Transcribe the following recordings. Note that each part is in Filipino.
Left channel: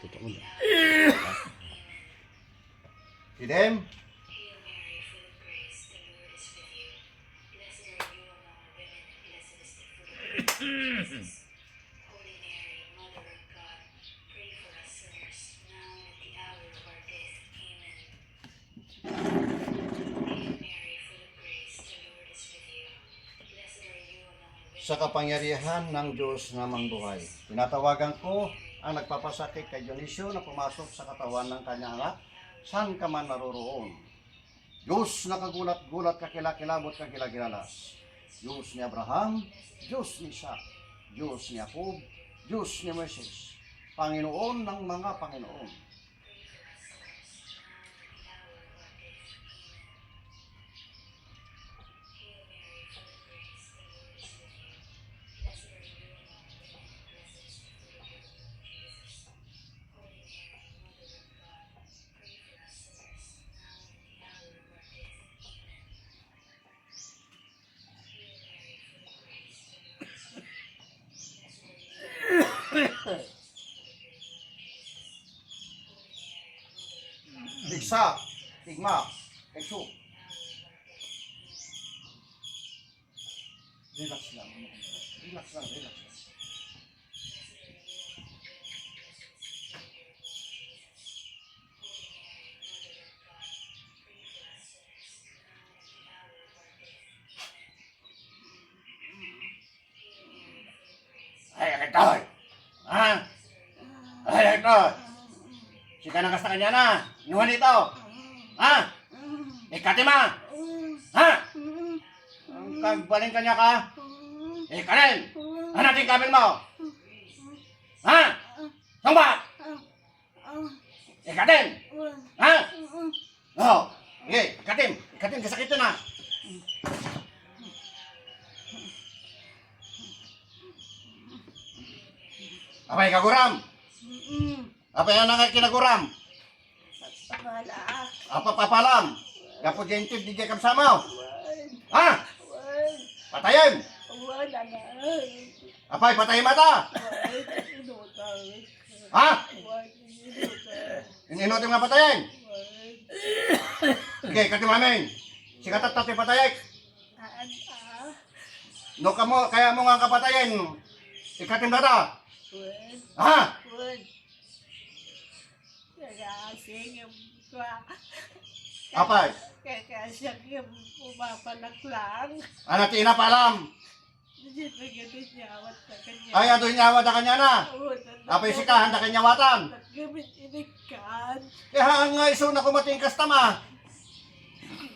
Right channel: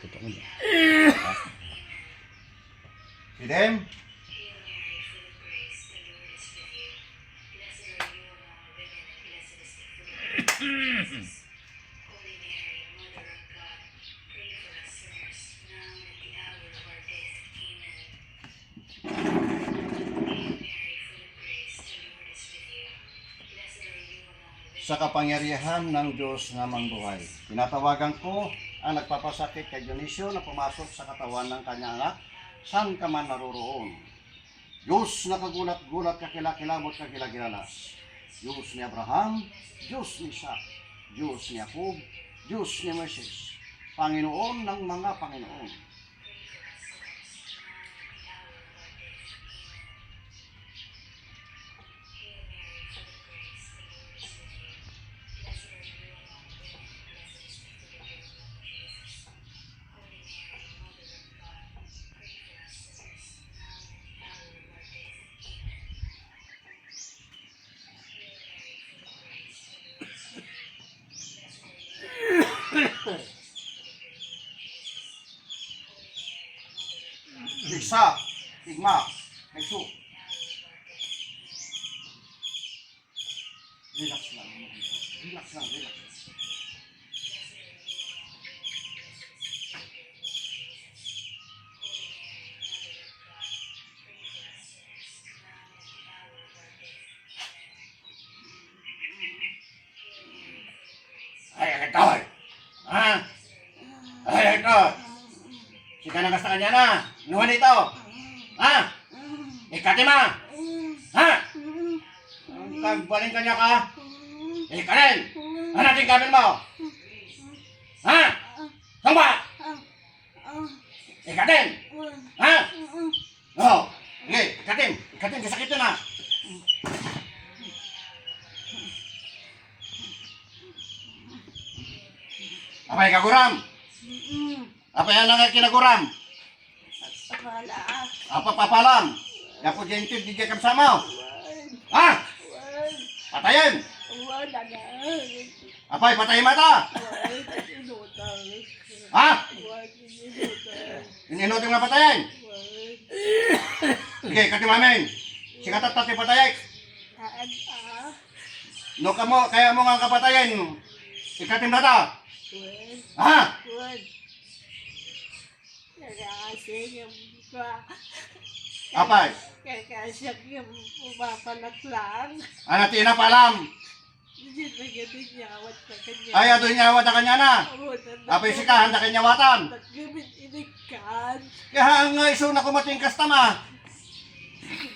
Totoo mo. Pidem? Sa kapangyarihan ng Diyos nga mangbuhay, tinatawagan ko ang nagpapasakit kay Dionisio na pumasok sa katawan ng kanyang anak, saan ka man naroroon. Diyos na kagulat-gulat kakilakilabot kakilagilalas. Diyos ni Abraham, Diyos ni Isaac, Diyos ni Jacob, Diyos ni Moises, Panginoon ng mga Panginoon. Igsa, igma, igsu. Relax lang. Relax lang, relax lang. Ay, ito! Ha? Ay, ito! Sika na kasta kanya na! Nuhan ito! Ha? Ikatima! Ha? Kagbaling kanya ka? Ikarin! Hanatin kamil mo! Ha? Samba! Ikatin! Ha? Oo! Sige, ikatin! Ikatin, kasakit na! Apay kaguram! Apay ang nangat kinaguram! Apa papalam? Gapo jentid di kam sama. Ha? Patayin. Apay patayin mata? Ha? Ininot nga patayin. Sige, katimamin. Sikatat tati patayik. No kamo kaya mo nga kapatayin. Ikatim data. Ha? Apay? Kaya yung pumapanak lang. Ano tina palam? Hindi nyawat na kanya. Ay adoy nyawat na kanya na. Apay sikahan na kanyawatan. Naggamit inikan. Kaya nga iso na kumating kastama.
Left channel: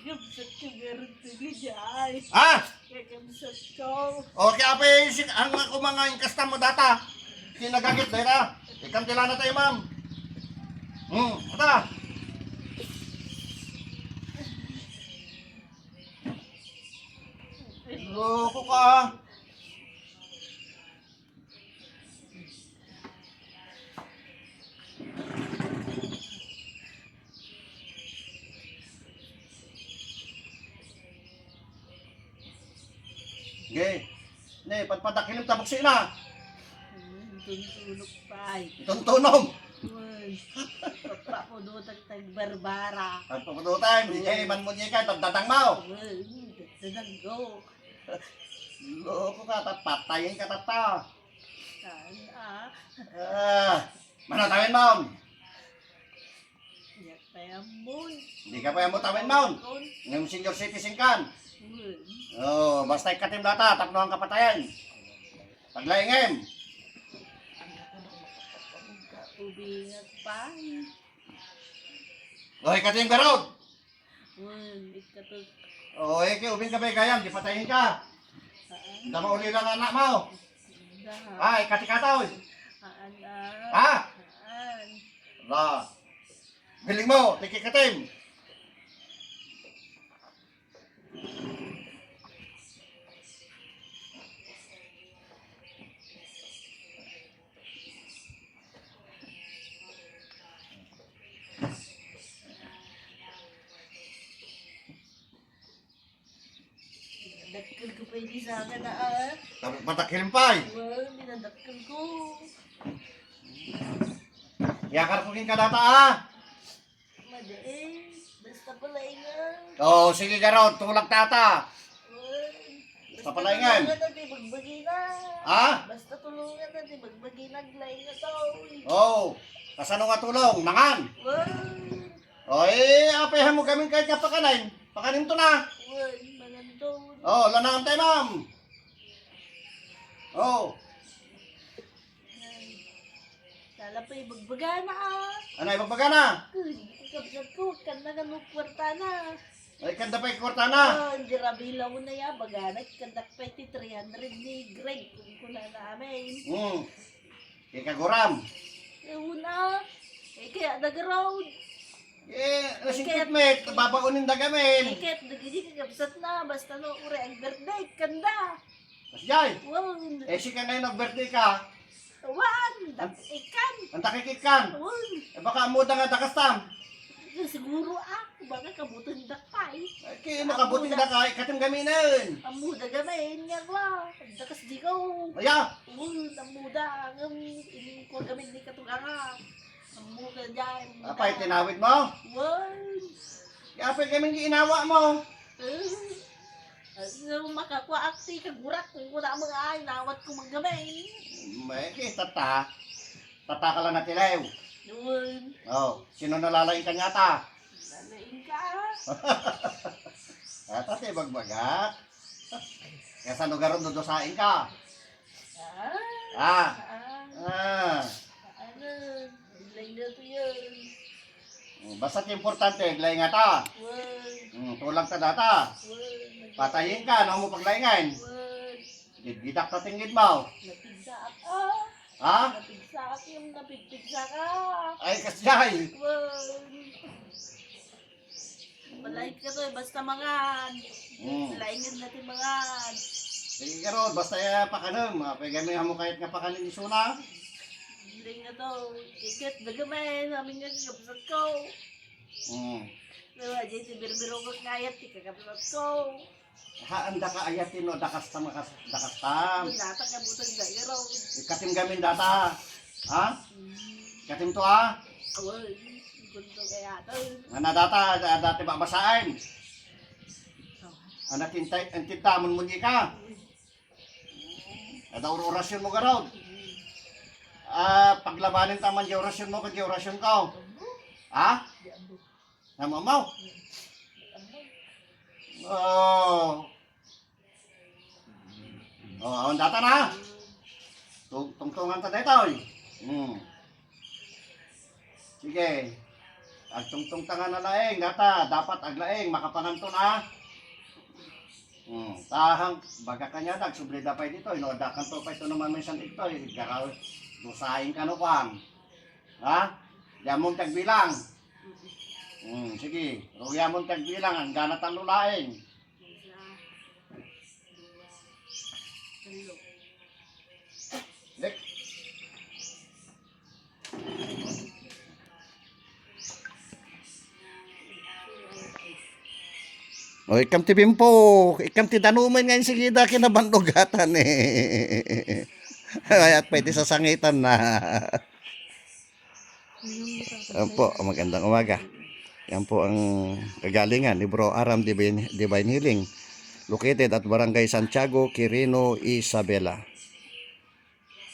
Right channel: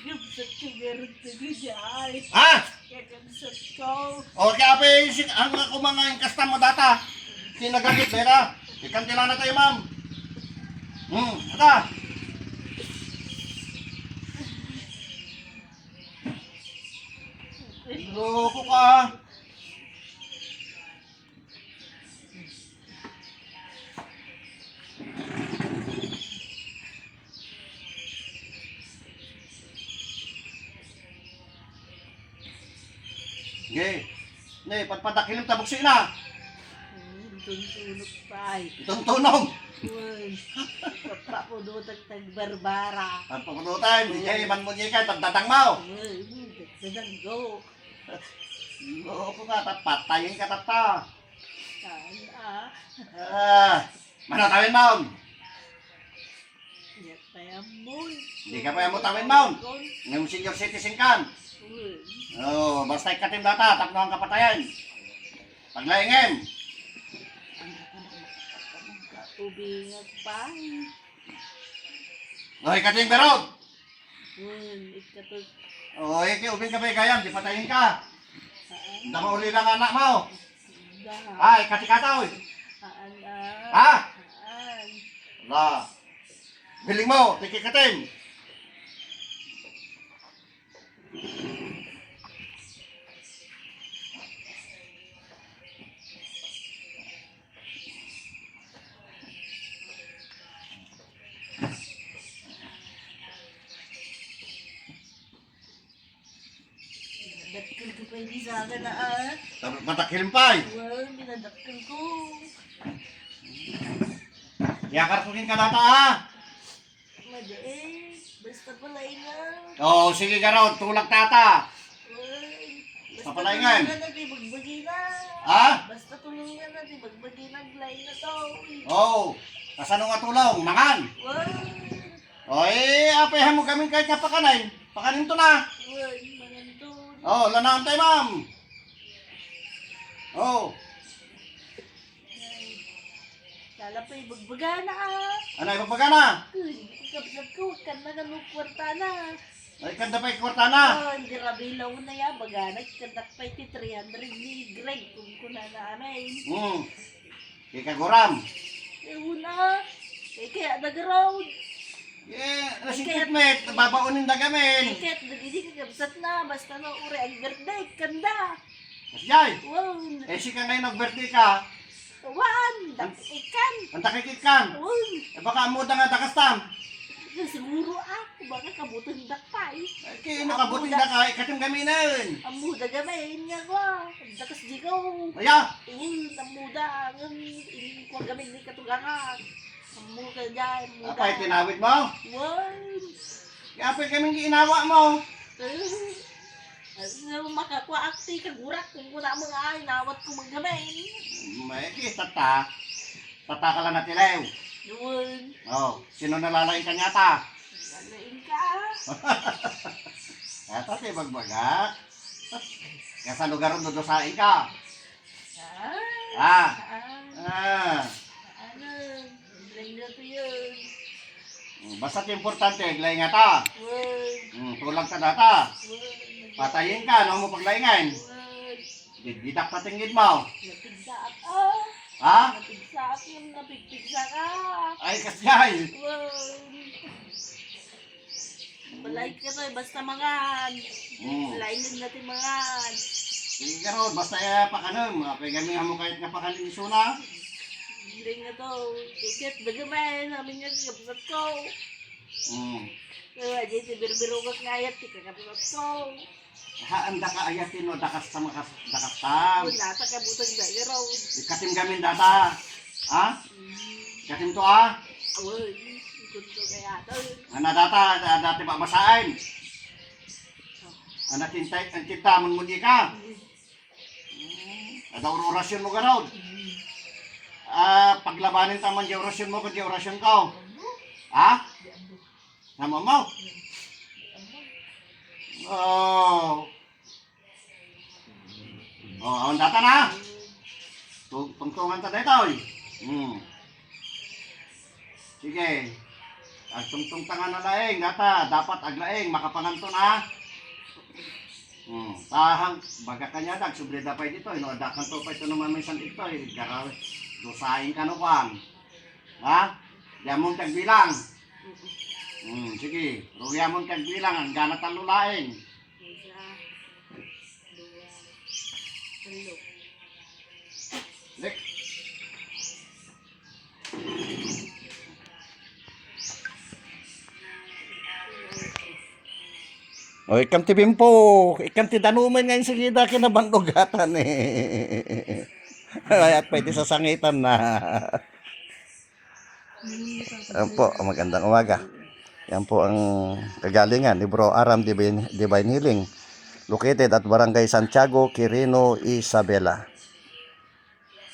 Gamsat ko meron na niya ay. Ha? Kaya gamsat ko. O kaya apay ang kumanga yung kastama data. Sinagamit na ira. Ikantila na tayo ma'am. Ata. Loko ka. Sige. Ne, pagpadakilim tabok siya na. Tuntunog pa ay. Itong tunog. Pagpapudutag tagbarbara. At pukudutan, hindi niya iban mo niya kahit pagdadang mo. Dadanggo. Loko ka, patayin ka tata. Ah. Manatawin mo. Iyak pa yan mo. Hindi ka pa yung mutawin mo. Ngayong senior citizen kan. Oh, basta ikatim data, tapno ang kapatayan. Paglaingin. Ubingat pa. O, ikatim berog. Ikatot. O, ubing ka ba ikayan, di patayin ka. Dama uli lang anak mo. Ay, katikataw. Ha? La. Biling mo, tikikatim. Dakil ko pa hindi sa akin na Tapos matakilim pa eh. Well, minadakil ko. Yakar ko kin ka data ha. Mada eh. Basta palaingan. Oo, sige ka raw, tulag tata. Basta Papalaingan. tulungan natin magbagi na. Ha? Basta tulungan natin magbagi na glay na to. Oo. Kasano nga tulong? Mangan. Oy, apayahan mo kami kahit kapakanin. Pakanin to na. Mangan to. Oo, lanaan tayo ma'am. Oo. Kala pa ibagbaga na ka. Ano, ibagbaga na? Kapsat ko, kan na ganun kwarta na. Ay, kanda pa ikwarta na. Ang grabilaw na ya, baganag, kandak pa iti 300 ni Greg, kung kuna namin. Kikaguram. Una, kaya nag-road. Nasingkit babaunin na gamin. Kaya nagiging kapsat na, basta na uri ang birthday, kanda. Kasjay. Wow, Si ka ngayon nag-birthday ka. tawan, ikan. Ang takikit kan. Wow, Baka amuda nga dakastam. siguro ako, baka kabutang dakpay. Kaya nakabuti na ka, ikating gaminan. Ang muda gamayin nga ko, dakas di ko. Aya, Ang muda, ang ko gamin ni katugangan. Ang muda dyan, muda. apay tinawid mo. Wow. Apay kaming ginawa mo. Ang makakuha akti, kagurak, kung kuna mga ay, nawat ko magamin. May tata. Tata ka lang natilew. Yun, Sino nalalain ka nyata? nalain ka. Ata tayo bagbaga. Kaya sa lugar ron dodosain ka. Ah, Ah. ano, lang na to yun. Basta importante, glay nga ta. Tulang ta data. Patayin ka, no mo paglaingan. Gidak patinggid mo. Napigsa ako. Ha? Napigsa ako yung napigpigsa ka. Ay, kasyay. Balay ka to, basta mangan. Balayin natin mangan. Sige ka ron, basta pakanam. Pagamihan mo kahit nga pakanin isuna. Hindi nga to, ikit, dagamay, namin yung kapsat ko. Diyan si Birbirumot nga ayat, kapsat ko. Anda ka ayatin no, dakastam. Dakastam. Wala, takabutang dahil raw. Ikatim gamin data. Ha? Ikatim to ha? Uy, gusto kaya to. Ana data, dati babasain. Ana tintay, ang tintamon mo di ka. Ada orasyon mo garaw. Paglabanin taman di orasyon mo, kung di orasyon ka. Ha? Sama mo? Ang data na. Tungtungan ta dito. Sige. Ang tungtung tangan na laeng, data, dapat aglaeng, makapanganton ha. Tahang, baga kanya dag, subrida pa dito, inodakan to pa ito naman may sandig to, garaw, dosahin ka no kwan. Ha? Yamong tagbilang. Sige, yamong tagbilang, ang ganat ang lulaeng. Lek. O, ikam ti bimpo, ikam ti danuman ngayon sige da kinabandugatan eh. Kaya pwede sasangitan na. Yan po, magandang umaga. Yan po ang kagalingan ni Bro Aram Divine Healing, located at Barangay Santiago, Quirino, Isabela.